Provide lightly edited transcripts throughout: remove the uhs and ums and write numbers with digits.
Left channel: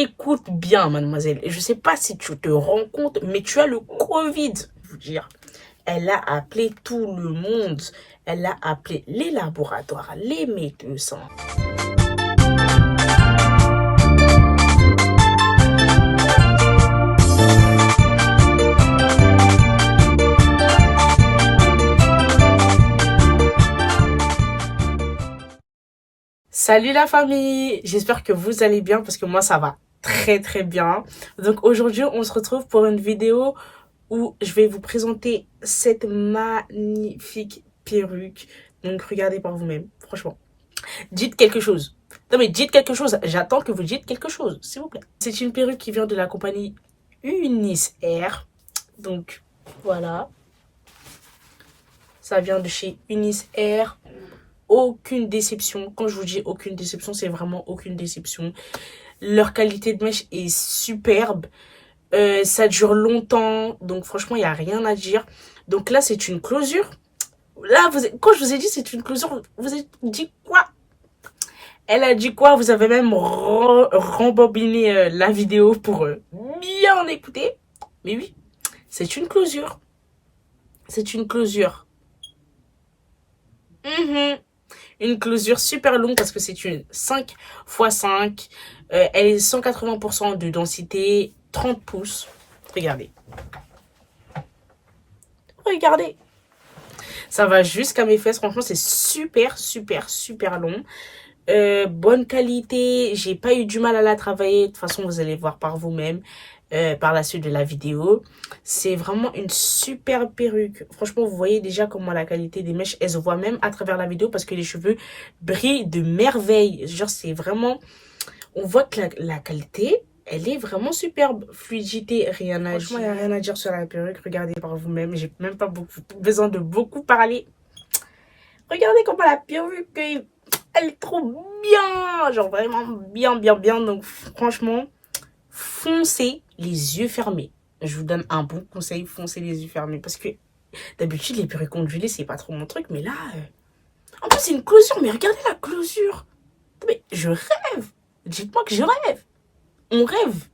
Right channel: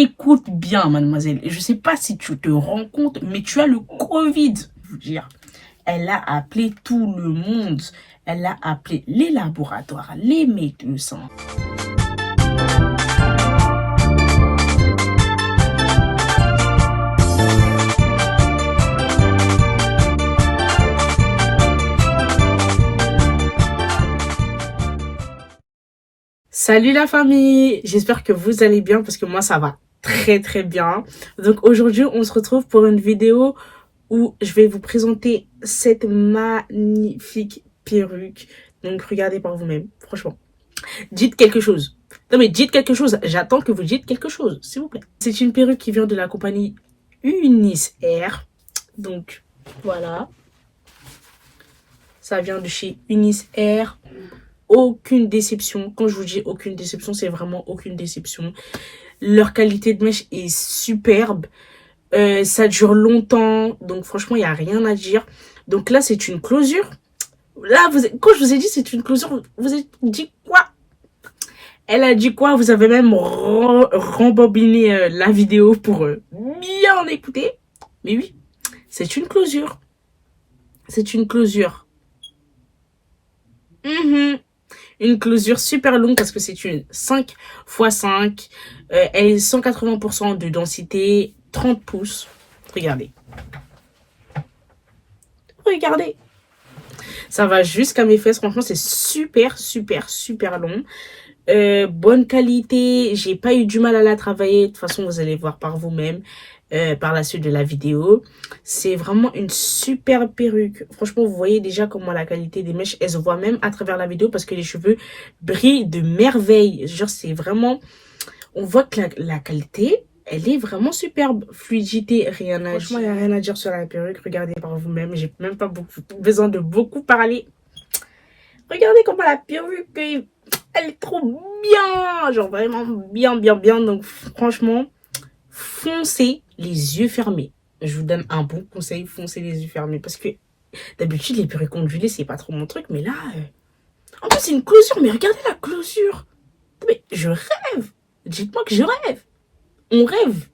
Écoute bien, mademoiselle. Je sais pas si tu te rends compte, mais tu as le Covid. Je veux dire, elle a appelé tout le monde. Elle a appelé les laboratoires, les médecins. Salut la famille, j'espère que vous allez bien parce que moi ça va très bien. Donc aujourd'hui on se retrouve pour une vidéo où je vais vous présenter cette magnifique perruque. Donc regardez par vous-même, franchement. Dites quelque chose. Non mais dites quelque chose, j'attends que vous dites quelque chose, s'il vous plaît. C'est une perruque qui vient de la compagnie Unis Air. Donc voilà, ça vient de chez Unis Air. Aucune déception. Quand je vous dis aucune déception, c'est vraiment aucune déception. Leur qualité de mèche est superbe. Ça dure longtemps. Donc franchement, il n'y a rien à dire. Donc là, c'est une closure. Là, quand je vous ai dit c'est une closure, vous avez dit quoi? Elle a dit quoi? Vous avez même rembobiné la vidéo pour bien écouter. Mais oui, c'est une closure. C'est une closure. Une closure super longue parce que c'est une 5x5. Elle est 180% de densité, 30 pouces. Regardez. Regardez. Ça va jusqu'à mes fesses. Franchement, c'est super long. Bonne qualité. J'ai pas eu du mal à la travailler. De toute façon, vous allez voir par vous-même par la suite de la vidéo. C'est vraiment une super perruque. Franchement, vous voyez déjà comment la qualité des mèches, elle se voit même à travers la vidéo parce que les cheveux brillent de merveille. Genre, c'est vraiment... On voit que la qualité, elle est vraiment superbe. Fluidité, rien à dire. Franchement, il n'y a rien à dire sur la perruque. Regardez par vous-même. J'ai même pas besoin de beaucoup parler. Regardez comment la perruque, elle est trop bien. Genre vraiment bien. Donc franchement, foncez les yeux fermés. Je vous donne un bon conseil, foncez les yeux fermés. Parce que d'habitude, les perruques ondulées, c'est pas trop mon truc. Mais là, en plus, c'est une closure. Mais regardez la closure. Mais je rêve. Dites-moi que je rêve. On rêve.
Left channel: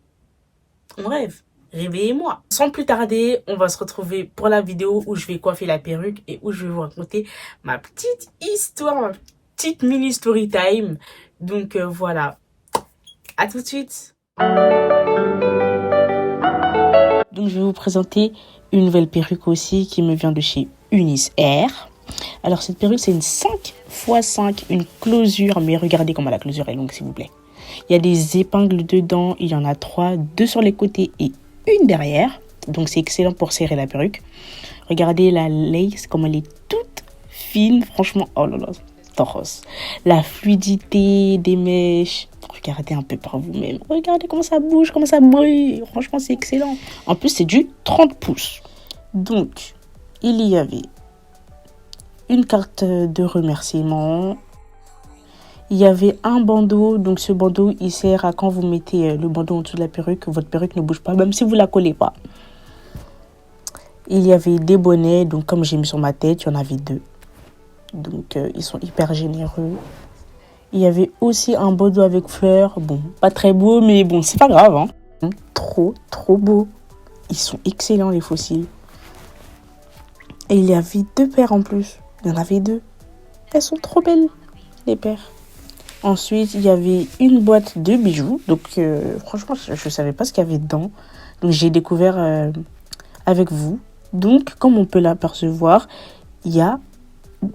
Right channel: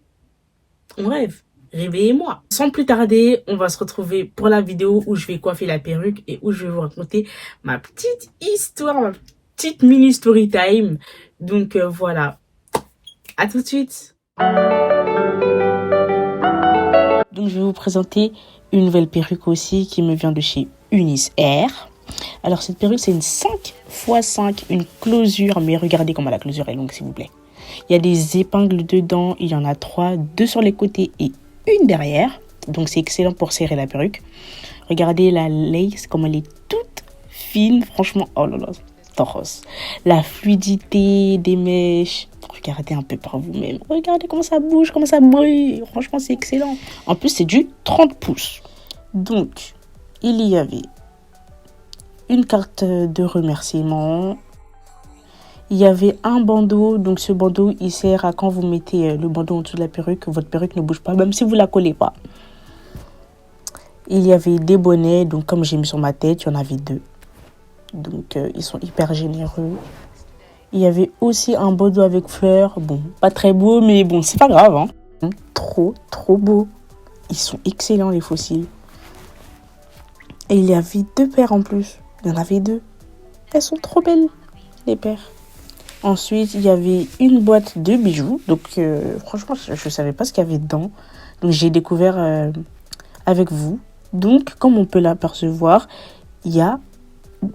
Réveillez-moi. Sans plus tarder, on va se retrouver pour la vidéo où je vais coiffer la perruque et où je vais vous raconter ma petite histoire, ma petite mini story time. Donc voilà. À tout de suite. Donc je vais vous présenter une nouvelle perruque aussi qui me vient de chez Unis Air. Alors cette perruque, c'est une 5x5, une closure. Mais regardez comment la closure est longue, s'il vous plaît. Il y a des épingles dedans, il y en a 3, 2 sur les côtés et une derrière. Donc c'est excellent pour serrer la perruque. Regardez la lace, comme elle est toute fine. Franchement, oh là là, toros. La fluidité des mèches. Regardez un peu par vous-même. Regardez comment ça bouge, comment ça brille. Franchement, c'est excellent. En plus, c'est du 30 pouces. Donc, il y avait une carte de remerciement. Il y avait un bandeau, donc ce bandeau, il sert à quand vous mettez le bandeau en dessous de la perruque, votre perruque ne bouge pas, même si vous la collez pas. Il y avait des bonnets, donc comme j'ai mis sur ma tête, il y en avait 2. Donc ils sont hyper généreux. Il y avait aussi un bandeau avec fleurs, bon, pas très beau, mais bon, c'est pas grave, hein. Trop beau. Ils sont excellents les fossiles. Et il y avait 2 paires en plus, il y en avait 2. Elles sont trop belles, les paires. Ensuite, il y avait une boîte de bijoux. Donc, franchement, je ne savais pas ce qu'il y avait dedans. Donc, j'ai découvert avec vous. Donc, comme on peut l'apercevoir, il y a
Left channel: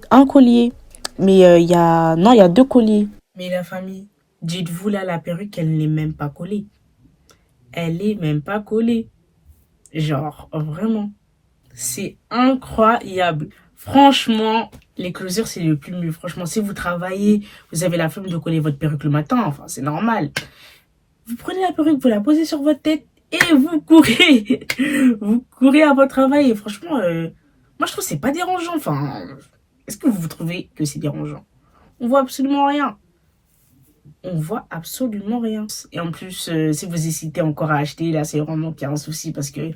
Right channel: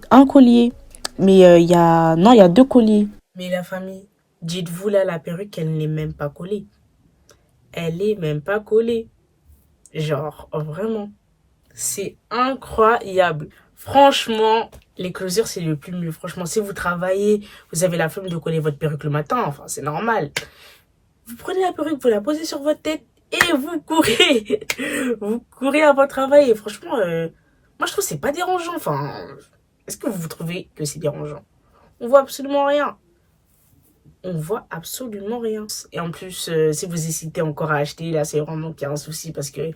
un collier. Mais il y a 2 colliers. Mais la famille, dites-vous là, la perruque, elle n'est même pas collée. Elle est même pas collée. Genre, vraiment. C'est incroyable. Franchement, les closures, c'est le plus mieux. Franchement, si vous travaillez, vous avez la flemme de coller votre perruque le matin. Enfin, c'est normal. Vous prenez la perruque, vous la posez sur votre tête et vous courez. Vous courez à votre travail. Et franchement, moi, je trouve que c'est pas dérangeant. Enfin, est-ce que vous trouvez que c'est dérangeant? On voit absolument rien. On voit absolument rien. Et en plus, si vous hésitez encore à acheter, là, c'est vraiment qu'il y a un souci parce que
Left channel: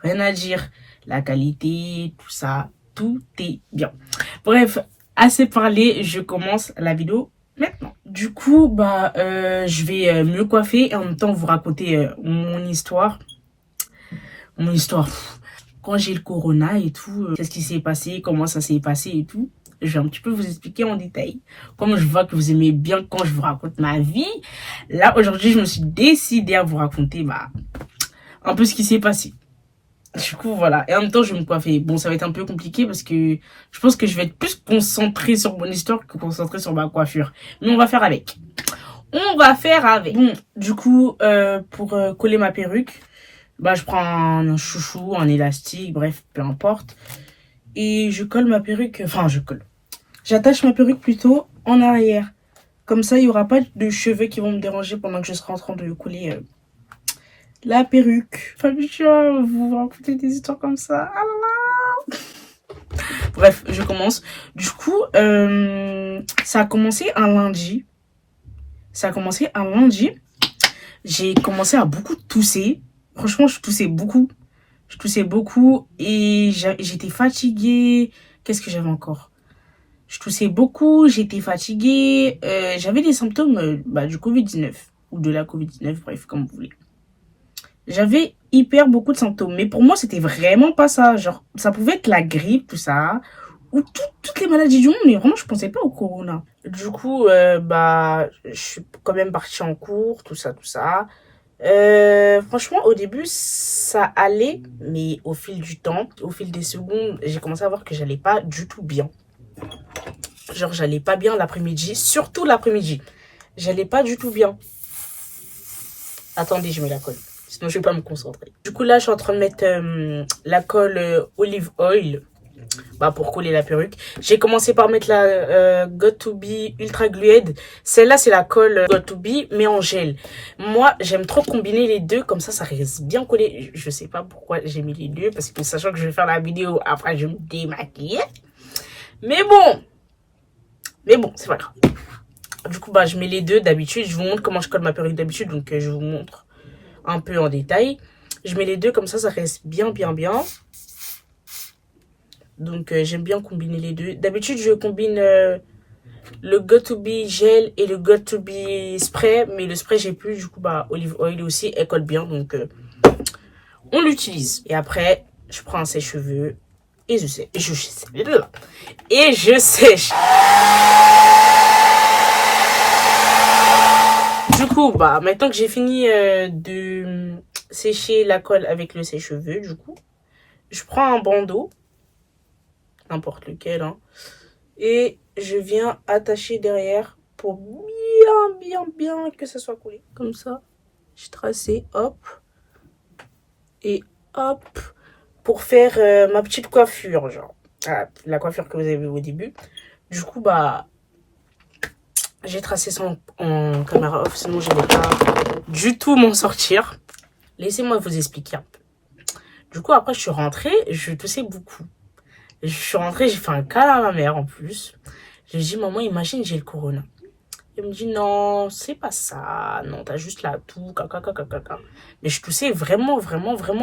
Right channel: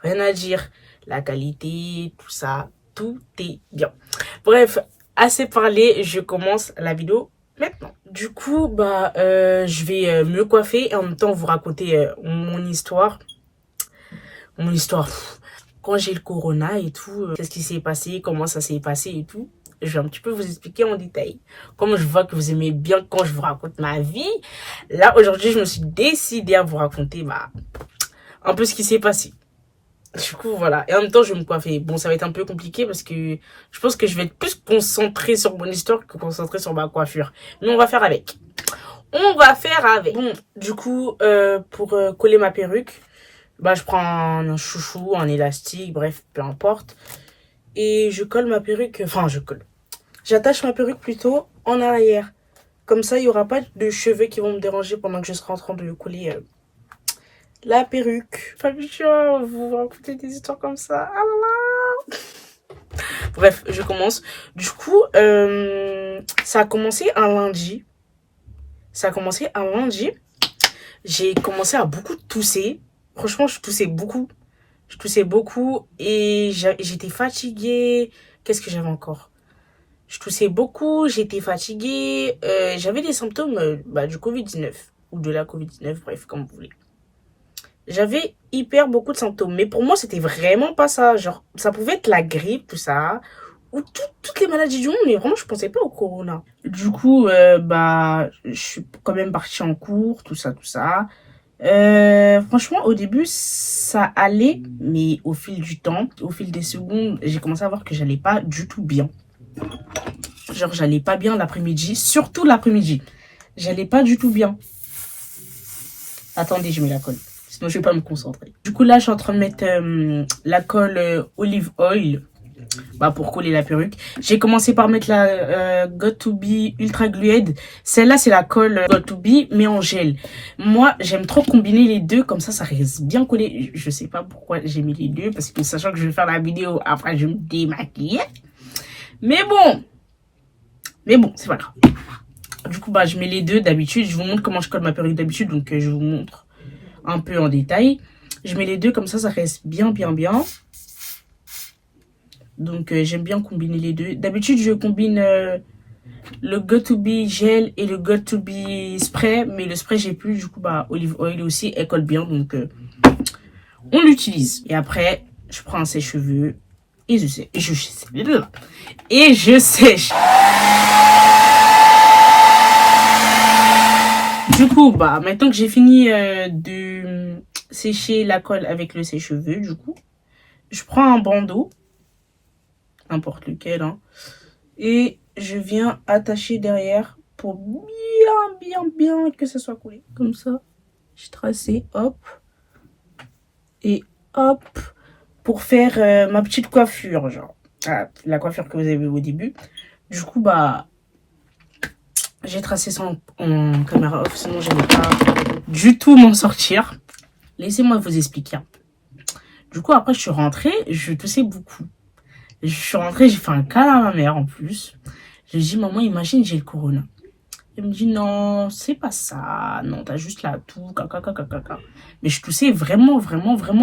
rien à dire. La qualité, tout ça, tout est bien. Bref, assez parlé, je commence la vidéo Maintenant, du coup, je vais me coiffer et en même temps vous raconter mon histoire. Mon histoire, quand j'ai le corona et tout, qu'est-ce qui s'est passé, comment ça s'est passé et tout. Je vais un petit peu vous expliquer en détail. Comme je vois que vous aimez bien quand je vous raconte ma vie, là, aujourd'hui, je me suis décidée à vous raconter un peu ce qui s'est passé. Du coup, voilà. Et en même temps, je vais me coiffer. Bon, ça va être un peu compliqué parce que je pense que je vais être plus concentrée sur mon histoire que concentrée sur ma coiffure. Mais on va faire avec. On va faire avec. Bon, du coup, pour coller ma perruque, je prends un chouchou, un élastique, bref, peu importe. Et je colle ma perruque, enfin, je colle. J'attache ma perruque plutôt en arrière. Comme ça, il n'y aura pas de cheveux qui vont me déranger pendant que je serai en train de coller la perruque. Pas habitué, vous raconter des histoires comme ça. Ah là là. Bref, je commence. Du coup, ça a commencé un lundi. J'ai commencé à beaucoup tousser. Franchement, je toussais beaucoup. Et j'étais fatiguée. Qu'est-ce que j'avais encore? Je toussais beaucoup, j'étais fatiguée. J'avais des symptômes du Covid-19 ou de la Covid-19, bref, comme vous voulez. J'avais hyper beaucoup de symptômes. Mais pour moi, c'était vraiment pas ça. Genre, ça pouvait être la grippe, tout ça. Ou toutes les maladies du monde. Mais vraiment, je pensais pas au corona. Du coup, je suis quand même partie en cours, tout ça, tout ça. Franchement, au début, ça allait. Mais au fil du temps, au fil des secondes, j'ai commencé à voir que j'allais pas du tout bien. Genre, j'allais pas bien l'après-midi. Surtout l'après-midi. J'allais pas du tout bien. Attendez, je mets la colle. Sinon, je vais pas me concentrer. Du coup, là, je suis en train de mettre la colle olive oil pour coller la perruque. J'ai commencé par mettre la Got2b Ultra Glued. Celle-là, c'est la colle Got2b, mais en gel. Moi, j'aime trop combiner les deux. Comme ça reste bien collé. Je sais pas pourquoi j'ai mis les deux. Parce que sachant que je vais faire la vidéo, après, je me démaquille. Mais bon, c'est pas grave. Du coup, je mets les deux d'habitude. Je vous montre comment je colle ma perruque d'habitude. Donc, je vous montre un peu en détail. Je mets les deux comme ça reste bien. Donc, j'aime bien combiner les deux. D'habitude, je combine le Got2b gel et le Got2b spray. Mais le spray, j'ai plus. Du coup, olive oil aussi, elle colle bien. Donc, on l'utilise. Et après, je prends un sèche-cheveux et je sèche. Du coup, maintenant que j'ai fini de sécher la colle avec le sèche-cheveux, du coup, je prends un bandeau, n'importe lequel, hein, et je viens attacher derrière pour bien que ça soit collé. Comme ça, je tracé, hop, et hop, pour faire ma petite coiffure, genre, la coiffure que vous avez vue au début. Du coup, j'ai tracé ça en caméra off, sinon je n'allais pas du tout m'en sortir. Laissez-moi vous expliquer un peu. Du coup, après, je suis rentrée, je toussais beaucoup. Je suis rentrée, j'ai fait un câlin à ma mère en plus. Je lui ai dit, maman, imagine, j'ai le corona. Elle me dit, non, c'est pas ça. Non, t'as juste la toux, caca. Mais je toussais vraiment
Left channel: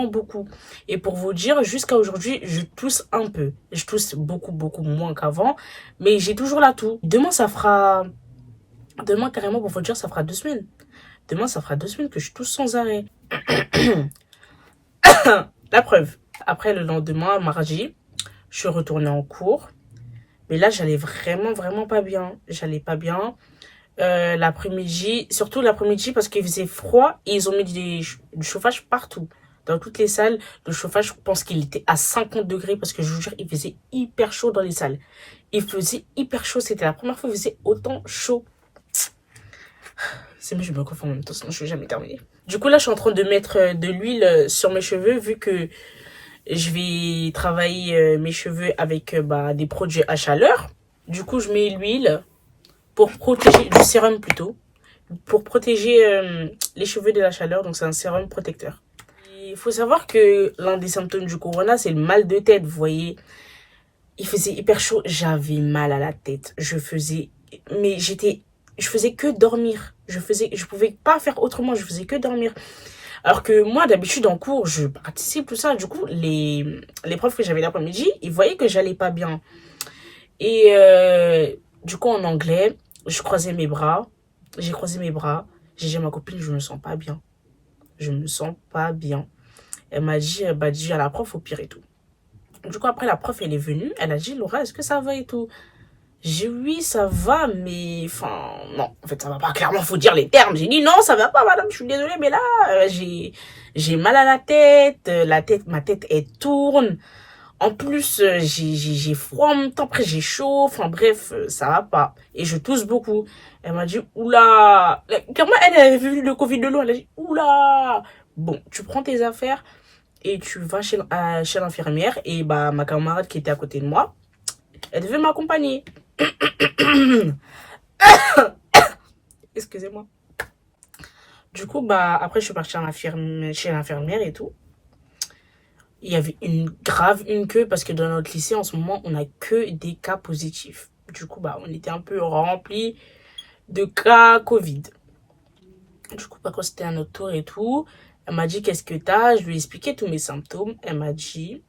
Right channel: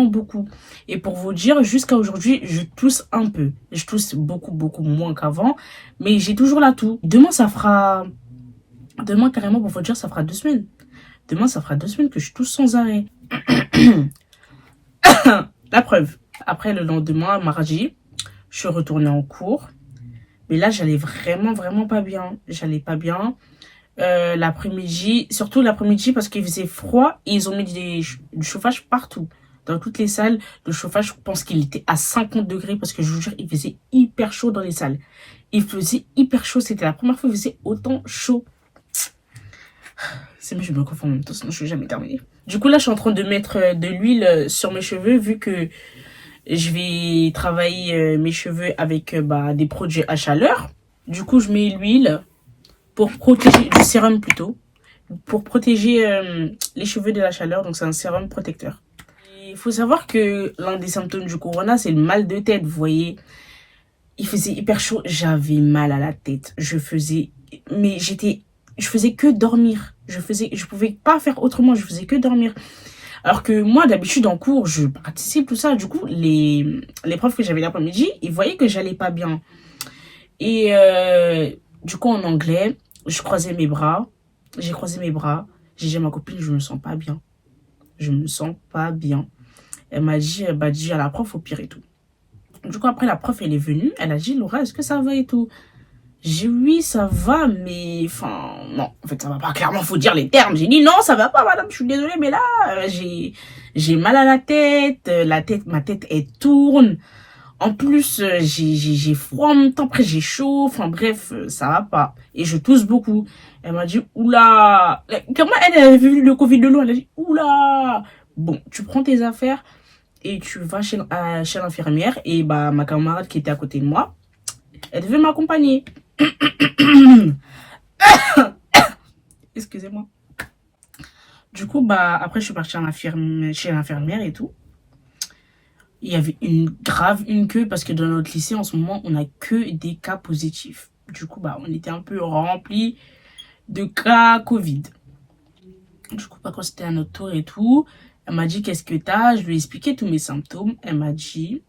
beaucoup. Et pour vous dire, jusqu'à aujourd'hui, je tousse un peu. Je tousse beaucoup moins qu'avant. Mais j'ai toujours la toux. Demain, carrément, pour vous dire, ça fera 2 semaines. Demain, ça fera 2 semaines que je tousse sans arrêt. La preuve. Après, le lendemain, mardi, je suis retournée en cours. Mais là, j'allais vraiment pas bien. L'après-midi, surtout l'après-midi parce qu'il faisait froid et ils ont mis du chauffage partout. Dans toutes les salles, le chauffage, je pense qu'il était à 50 degrés parce que je vous jure, il faisait hyper chaud dans les salles. Il faisait hyper chaud. C'était la première fois qu'il faisait autant chaud. C'est mieux, je me confonds en même temps, sinon je vais jamais terminer. Du coup, là, je suis en train de mettre de l'huile sur mes cheveux vu que je vais travailler mes cheveux avec des produits à chaleur. Du coup, je mets l'huile pour protéger, du sérum plutôt, pour protéger les cheveux de la chaleur. Donc, c'est un sérum protecteur. Il faut savoir que l'un des symptômes du corona, c'est le mal de tête. Vous voyez, il faisait hyper chaud. J'avais mal à la tête. Je faisais que dormir. Je pouvais pas faire autrement. Je faisais que dormir. Alors que moi, d'habitude, en cours, je participe, tout ça. Du coup, les profs que j'avais l'après-midi, ils voyaient que j'allais pas bien. Et du coup, en anglais, je croisais mes bras. J'ai croisé mes bras. J'ai dit à ma copine, je me sens pas bien. Je me sens pas bien. Elle m'a dit, bah, dis à la prof au pire et tout. Du coup, après, la prof, elle est venue. Elle a dit, Laura, est-ce que ça va et tout? J'ai dit, oui, ça va, mais, enfin, non. En fait, ça va pas. Clairement, faut dire les termes. J'ai dit, non, ça va pas, madame. Je suis désolée, mais là, j'ai mal à la tête. Ma tête, elle tourne. En plus, j'ai froid en même temps. Après, j'ai chaud. Enfin, bref, ça va pas. Et je tousse beaucoup. Elle m'a dit, oula. Comment elle a vu le Covid de l'eau? Elle a dit, oula. Bon, tu prends tes affaires et tu vas chez l'infirmière. Et bah, ma camarade qui était à côté de moi, elle devait m'accompagner. Excusez-moi. Du coup, bah, après, je suis partie chez l'infirmière et tout. Il y avait une queue parce que dans notre lycée, en ce moment, on n'a que des cas positifs. Du coup, bah, on était un peu rempli de cas Covid. Du coup, bah, quand c'était à notre tour et tout, elle m'a dit, qu'est-ce que t'as? Je lui ai expliqué tous mes symptômes. Elle m'a dit,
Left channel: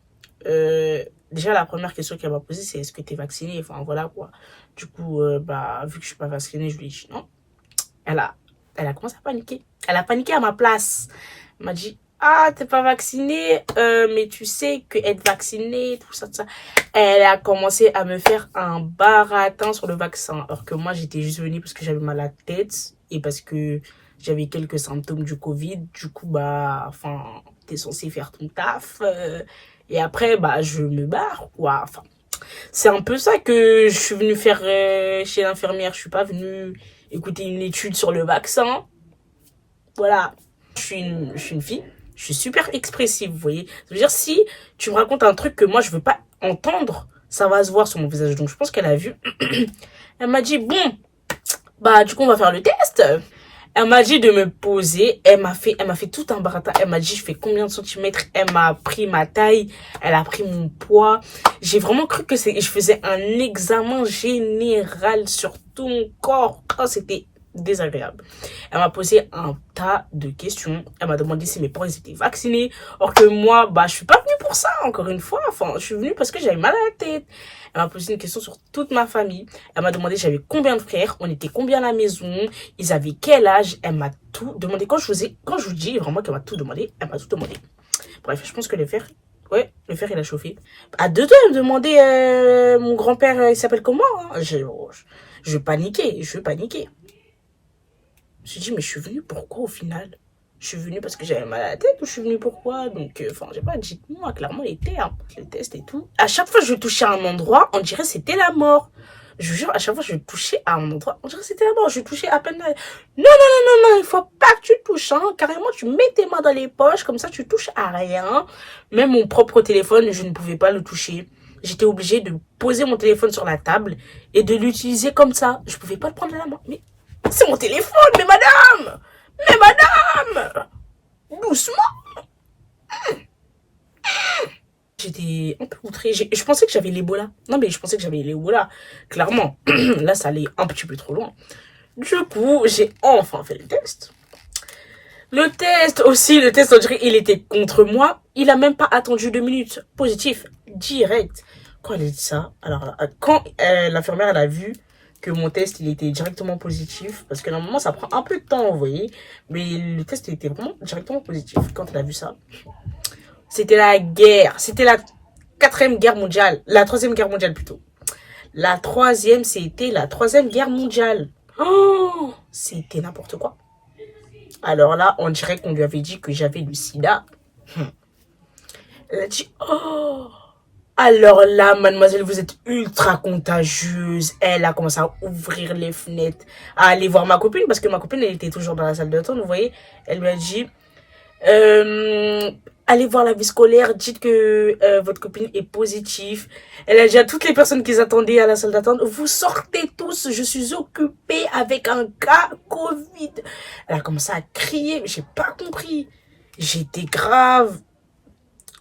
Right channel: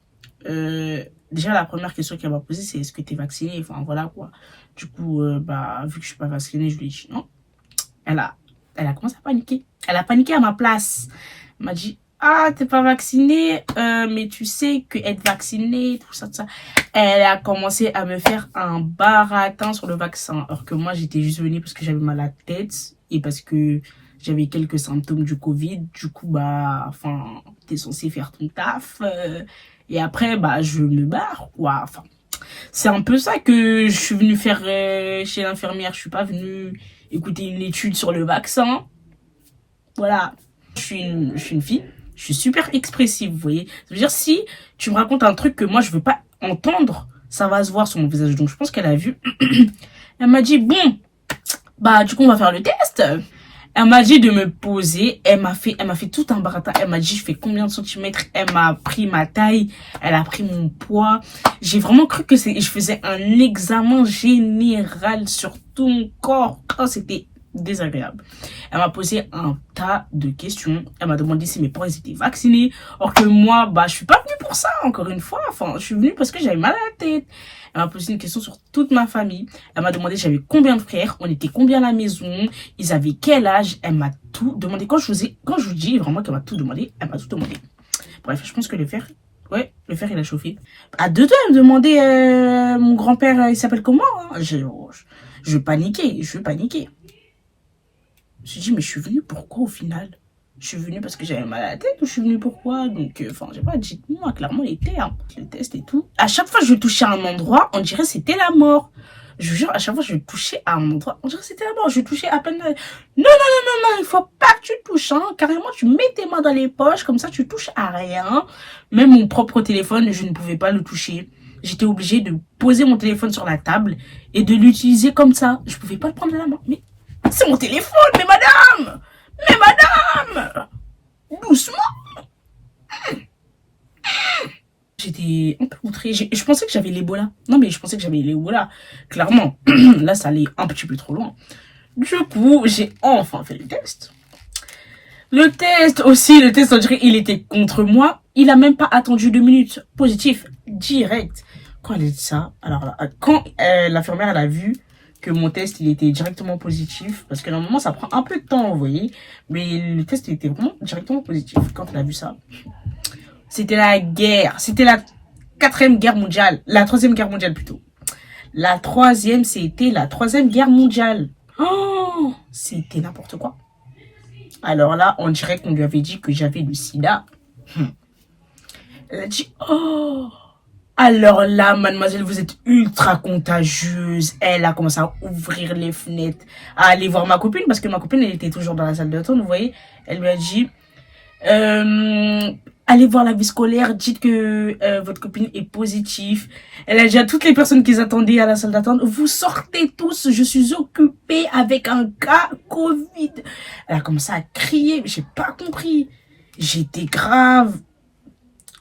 déjà, la première question qu'elle m'a posée, c'est est-ce que t'es vacciné? Enfin, voilà, quoi. Du coup, bah, vu que je suis pas vaccinée, je lui ai dit non. Elle a commencé à paniquer. Elle a paniqué à ma place. Elle m'a dit, ah, t'es pas vacciné, mais tu sais que être vacciné, tout ça, tout ça. Elle a commencé à me faire un baratin sur le vaccin. Alors que moi, j'étais juste venue parce que j'avais mal à la tête et parce que j'avais quelques symptômes du Covid. Du coup, bah, enfin, t'es censé faire ton taf. Et après, bah, je me barre, quoi. Enfin, c'est un peu ça que je suis venue faire chez l'infirmière. Je suis pas venue écouter une étude sur le vaccin. Voilà. Je suis une fille. Je suis super expressive, vous voyez. Ça veut dire, si tu me racontes un truc que moi, je veux pas entendre, ça va se voir sur mon visage. Donc, je pense qu'elle a vu. Elle m'a dit, bon, bah, du coup, on va faire le test. Elle m'a dit de me poser. Elle m'a fait tout un baratin. Elle m'a dit, je fais combien de centimètres. Elle m'a pris ma taille. Elle a pris mon poids. J'ai vraiment cru que je faisais un examen général sur tout mon corps. Oh, c'était désagréable. Elle m'a posé un tas de questions. Elle m'a demandé si mes parents étaient vaccinés. Or que moi, bah, je suis pas venue pour ça, encore une fois. Enfin, je suis venue parce que j'avais mal à la tête. Elle m'a posé une question sur toute ma famille. Elle m'a demandé j'avais combien de frères, on était combien à la maison, ils avaient quel âge. Elle m'a tout demandé. Quand je vous dis vraiment qu'elle m'a tout demandé, elle m'a tout demandé. Bref, je pense que le fer, il a chauffé. À deux doigts, elle me demandait mon grand-père, il s'appelle comment, hein. Je paniquais. Je me suis dit, mais je suis venue pourquoi au final? Je suis venue parce que j'avais mal à la tête ou je suis venue pourquoi? Donc, enfin, j'ai pas dit moi clairement les termes, les tests et tout. À chaque fois que je touchais à un endroit, on dirait que c'était la mort. Je vous jure, à chaque fois que je touchais à un endroit, on dirait que c'était la mort. Je touchais à peine. Non, il faut pas que tu touches, hein. Carrément, tu mets tes mains dans les poches, comme ça, tu touches à rien. Même mon propre téléphone, je ne pouvais pas le toucher. J'étais obligée de poser mon téléphone sur la table et de l'utiliser comme ça. Je pouvais pas le prendre à la main. Mais c'est mon téléphone, mais madame! Doucement! J'étais un peu outrée. Je pensais que j'avais l'Ebola. Non, mais je pensais que j'avais l'Ebola. Clairement. Là, ça allait un petit peu trop loin. Du coup, j'ai enfin fait le test. Le test, on dirait il était contre moi. Il a même pas attendu 2 minutes. Positif, direct. Quand elle a dit ça, alors là, quand l'infirmière, elle a vu que mon test, il était directement positif, parce que normalement, ça prend un peu de temps, vous voyez. Mais le test, il était vraiment directement positif. Quand elle a vu ça, c'était la guerre. C'était la 4e guerre mondiale. La 3e guerre mondiale, plutôt. La 3e, c'était la 3e guerre mondiale. Oh, c'était n'importe quoi. Alors là, on dirait qu'on lui avait dit que j'avais le sida. Elle a dit, oh, alors là, mademoiselle, vous êtes ultra contagieuse. Elle a commencé à ouvrir les fenêtres, à aller voir ma copine, parce que ma copine, elle était toujours dans la salle d'attente, vous voyez. Elle lui a dit, allez voir la vie scolaire, dites que votre copine est positive. Elle a dit à toutes les personnes qui attendaient à la salle d'attente, vous sortez tous, je suis occupée avec un cas Covid. Elle a commencé à crier, mais j'ai pas compris. J'étais grave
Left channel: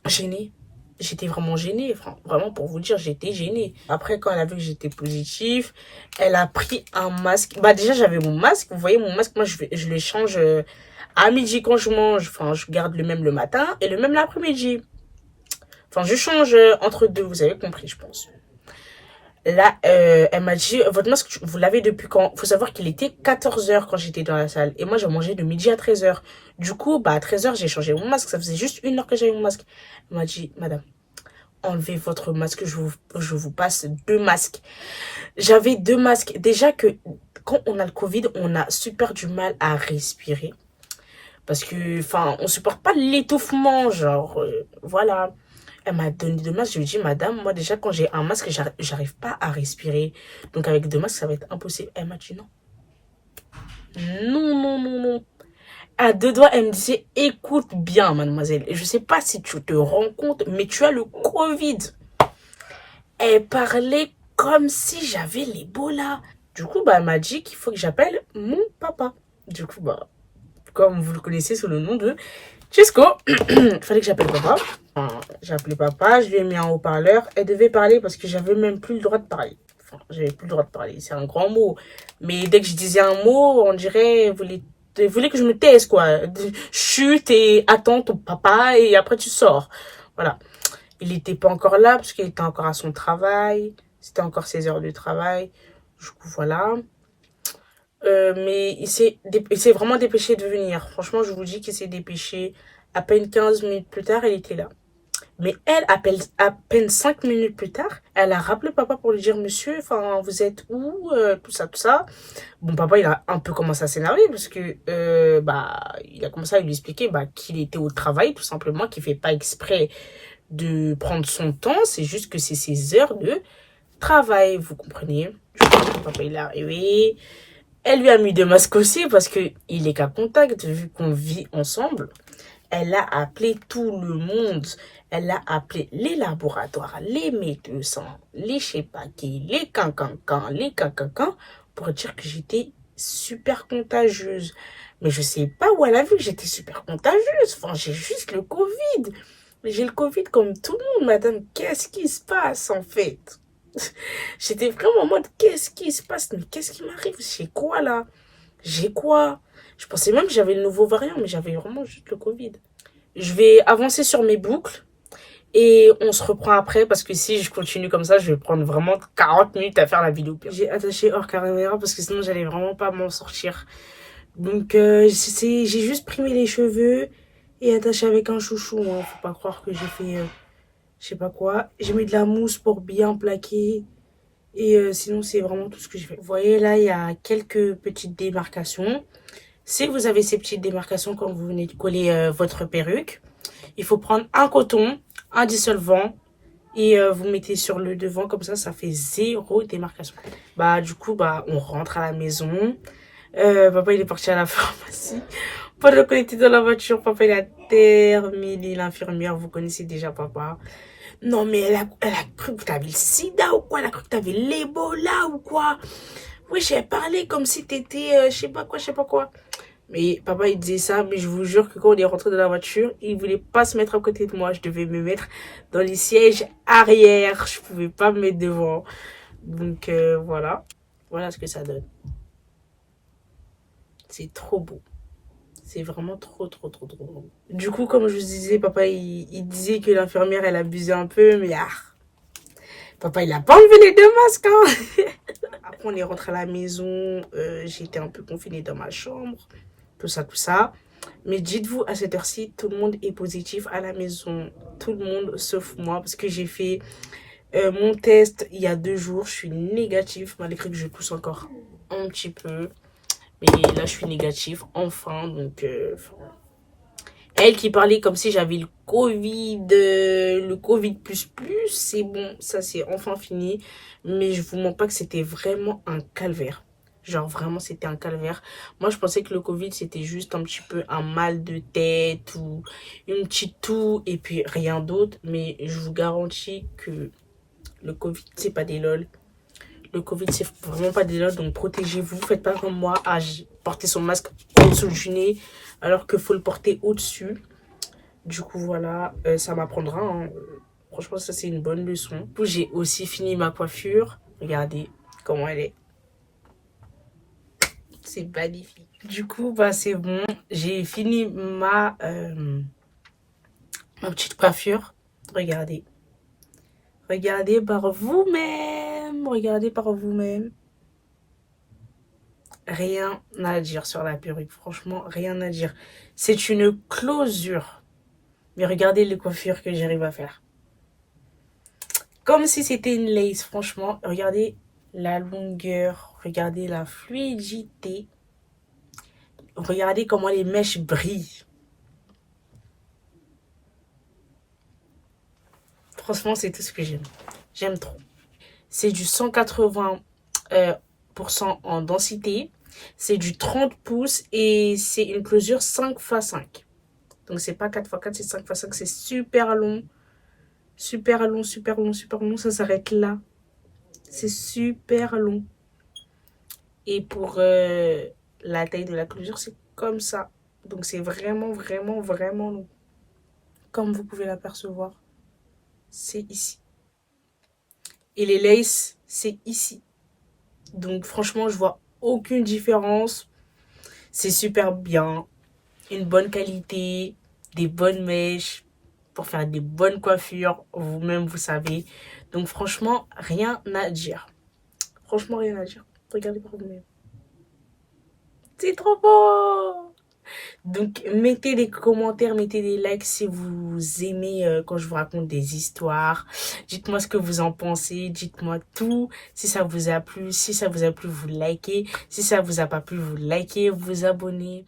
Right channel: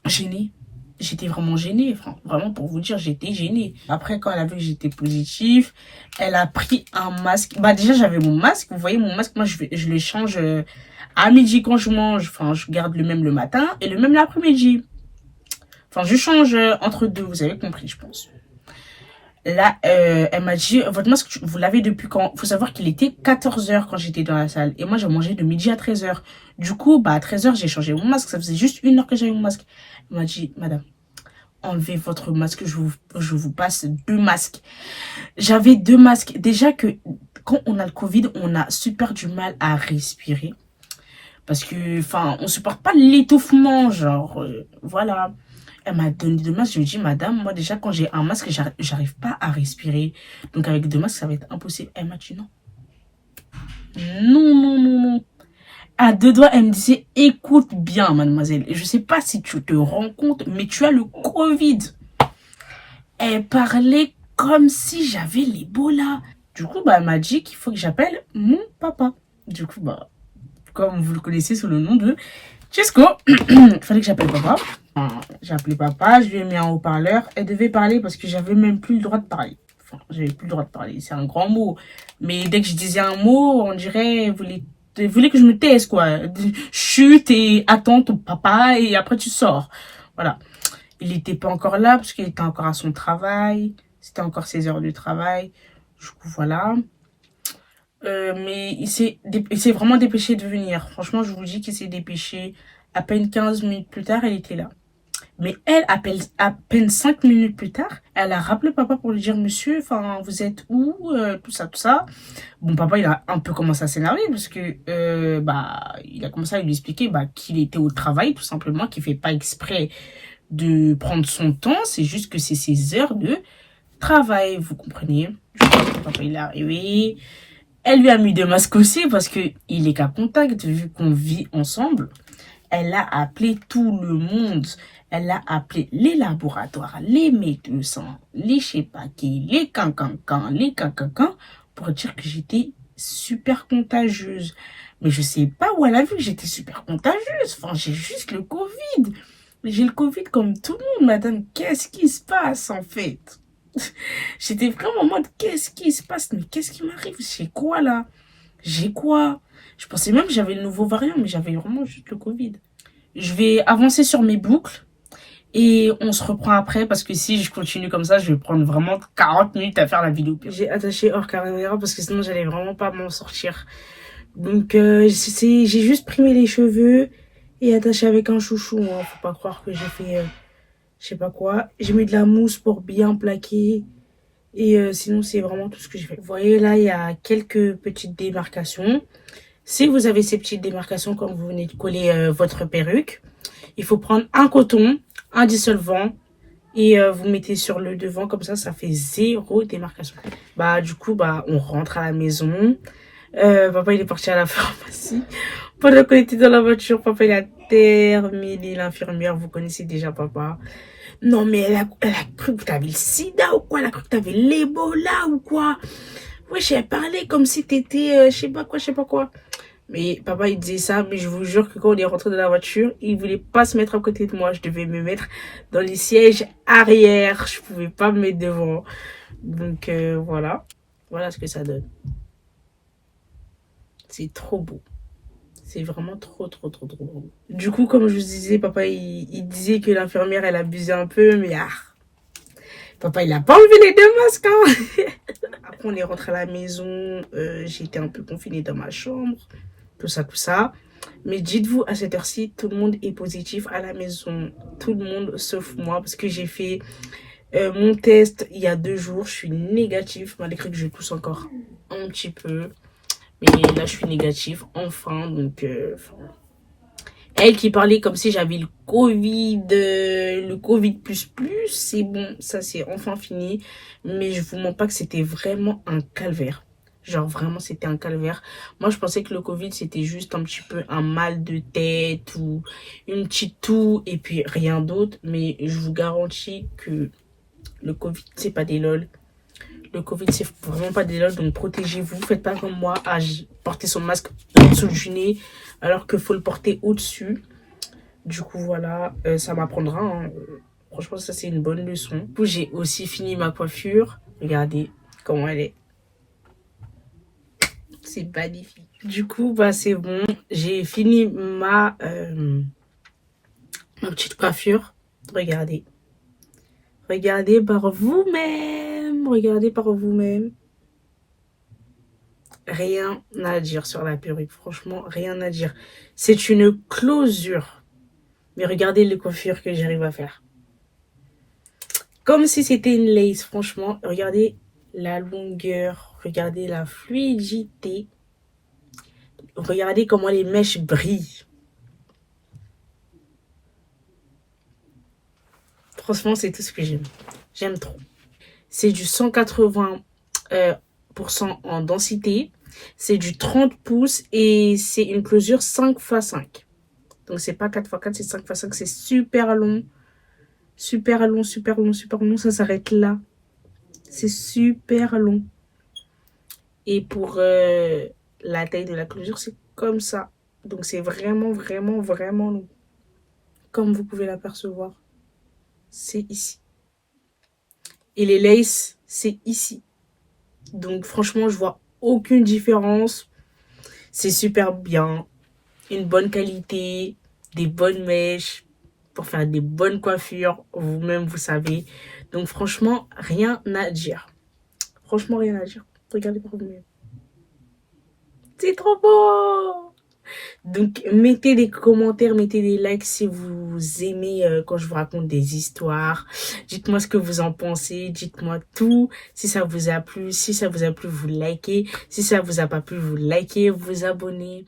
gênée. J'étais vraiment gênée, vraiment pour vous dire, j'étais gênée. Après, quand elle a vu que j'étais positive, elle a pris un masque. Bah déjà, j'avais mon masque, vous voyez, mon masque, moi, je le change à midi quand je mange. Enfin, je garde le même le matin et le même l'après-midi. Enfin, je change entre deux, vous avez compris, je pense. Là, elle m'a dit, votre masque, vous l'avez depuis quand? Faut savoir qu'il était 14h quand j'étais dans la salle. Et moi, j'ai mangé de midi à 13h. Du coup, bah, à 13h, j'ai changé mon masque. Ça faisait juste 1 heure que j'avais mon masque. Elle m'a dit, madame, enlevez votre masque, je vous passe 2 masques. J'avais 2 masques. Déjà que quand on a le Covid, on a super du mal à respirer. Parce que, enfin, on supporte pas l'étouffement, genre, voilà. Elle m'a donné 2 masques. Je lui ai dit, madame, moi déjà, quand j'ai un masque, j'arrive pas à respirer. Donc avec 2 masques, ça va être impossible. Elle m'a dit non. Non, non, non, non. À 2 doigts, elle me disait, écoute bien, mademoiselle. Je sais pas si tu te rends compte, mais tu as le Covid. Elle parlait comme si j'avais l'Ebola. Du coup, bah, elle m'a dit qu'il faut que j'appelle mon papa. Du coup, bah, comme vous le connaissez sous le nom de Chesco, il fallait que j'appelle papa. J'ai appelé papa, je lui ai mis un haut-parleur. Elle devait parler parce que j'avais même plus le droit de parler. Enfin, j'avais plus le droit de parler, c'est un grand mot. Mais dès que je disais un mot, on dirait, vous voulez que je me taise, quoi. Chute et attends ton papa et après tu sors. Voilà. Il n'était pas encore là parce qu'il était encore à son travail. C'était encore ses heures de travail. Du coup, voilà. Mais il s'est vraiment dépêché de venir. Franchement, je vous dis qu'il s'est dépêché. À peine 15 minutes plus tard, elle était là. Mais elle, à peine 5 minutes plus tard, elle a rappelé papa pour lui dire, monsieur, enfin, vous êtes où, tout ça, tout ça. Bon, papa, il a un peu commencé à s'énerver parce que, bah, il a commencé à lui expliquer, bah, qu'il était au travail, tout simplement, qu'il fait pas exprès de prendre son temps. C'est juste que c'est ses heures de travail, vous comprenez. Je crois que papa, il est arrivé. Elle lui a mis 2 masques aussi parce que il est qu'à contact, vu qu'on vit ensemble. Elle a appelé tout le monde. Elle a appelé les laboratoires, les médecins, les je sais pas qui, les cancancans, les cancancans, pour dire que j'étais super contagieuse. Mais je sais pas où elle a vu que j'étais super contagieuse. Enfin, j'ai juste le Covid. J'ai le Covid comme tout le monde, madame. Qu'est-ce qui se passe, en fait? J'étais vraiment en mode, qu'est-ce qui se passe? Mais qu'est-ce qui m'arrive? J'ai quoi, là? J'ai quoi? Je pensais même que j'avais le nouveau variant, mais j'avais vraiment juste le Covid. Je vais avancer sur mes boucles et on se reprend après parce que si je continue comme ça, je vais prendre vraiment 40 minutes à faire la vidéo. J'ai attaché hors caméra parce que sinon j'allais vraiment pas m'en sortir. Donc j'ai juste primé les cheveux et attaché avec un chouchou. Hein. Faut pas croire que j'ai fait je sais pas quoi. J'ai mis de la mousse pour bien plaquer. Et sinon, c'est vraiment tout ce que j'ai fait. Vous voyez, là, il y a quelques petites démarcations. Si vous avez ces petites démarcations quand vous venez de coller votre perruque, il faut prendre un coton, un dissolvant et vous mettez sur le devant. Comme ça fait 0 démarcation. Bah, du coup, bah, on rentre à la maison. Papa, il est parti à la pharmacie. Pendant qu'on était dans la voiture, papa, il a terminé. L'infirmière, vous connaissez déjà papa. Non, mais elle a cru que t'avais le sida ou quoi? Elle a cru que t'avais l'Ebola ou quoi? Oui, j'ai parlé comme si t'étais, je sais pas quoi, je sais pas quoi. Mais papa, il disait ça, mais je vous jure que quand on est rentré dans la voiture, il voulait pas se mettre à côté de moi. Je devais me mettre dans les sièges arrière. Je pouvais pas me mettre devant. Donc, voilà. Voilà ce que ça donne. C'est trop beau. C'est vraiment trop, trop, trop, trop beau. Du coup, comme je vous disais, papa, il disait que l'infirmière, elle abusait un peu, mais papa, il a pas enlevé les 2 masques, hein. Après, on est rentré à la maison. J'étais un peu confinée dans ma chambre. Tout ça, tout ça. Mais dites-vous, à cette heure-ci, tout le monde est positif à la maison. Tout le monde, sauf moi, parce que j'ai fait mon test il y a 2 jours. Je suis négative, malgré que je tousse encore un petit peu. Mais là, je suis négative, enfin. Donc, elle qui parlait comme si j'avais le Covid plus, c'est bon, ça c'est enfin fini. Mais je vous mens pas que c'était vraiment un calvaire. Genre vraiment, c'était un calvaire. Moi, je pensais que le Covid, c'était juste un petit peu un mal de tête ou une petite toux et puis rien d'autre. Mais je vous garantis que le Covid, c'est pas des lol. Le Covid, c'est vraiment pas des lol, donc protégez-vous. Faites pas comme moi à porter son masque en dessous du nez alors qu'il faut le porter au-dessus. Du coup, voilà, ça m'apprendra. Hein. Franchement, ça, c'est une bonne leçon. Du coup, j'ai aussi fini ma coiffure. Regardez comment elle est. C'est magnifique. Du coup, bah, c'est bon. J'ai fini ma petite coiffure. Regardez. Regardez par vous-même. Regardez par vous-même. Rien à dire sur la perruque. Franchement, rien à dire. C'est une closure. Mais regardez les coiffures que j'arrive à faire. Comme si c'était une lace. Franchement, regardez la longueur. Regardez la fluidité. Regardez comment les mèches brillent. Franchement, c'est tout ce que j'aime. J'aime trop. C'est du 180% en densité. C'est du 30 pouces et c'est une closure 5x5. Donc, c'est pas 4x4, c'est 5x5. C'est super long. Super long, super long, super long. Ça s'arrête là. C'est super long. Et pour la taille de la closure, c'est comme ça. Donc, c'est vraiment, vraiment, vraiment long. Comme vous pouvez l'apercevoir, c'est ici. Et les laces, c'est ici. Donc, franchement, je vois aucune différence. C'est super bien. Une bonne qualité, des bonnes mèches pour faire des bonnes coiffures. Vous-même, vous savez. Donc, franchement, rien à dire. Franchement, rien à dire. Regardez par vous-même. C'est trop beau! Donc, mettez des commentaires, mettez des likes si vous aimez quand je vous raconte des histoires. Dites-moi ce que vous en pensez. Dites-moi tout. Si ça vous a plu, si ça vous a plu, vous likez. Si ça vous a pas plu, vous likez, vous abonnez.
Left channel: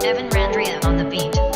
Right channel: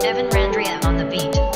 Evan Randria on the beat.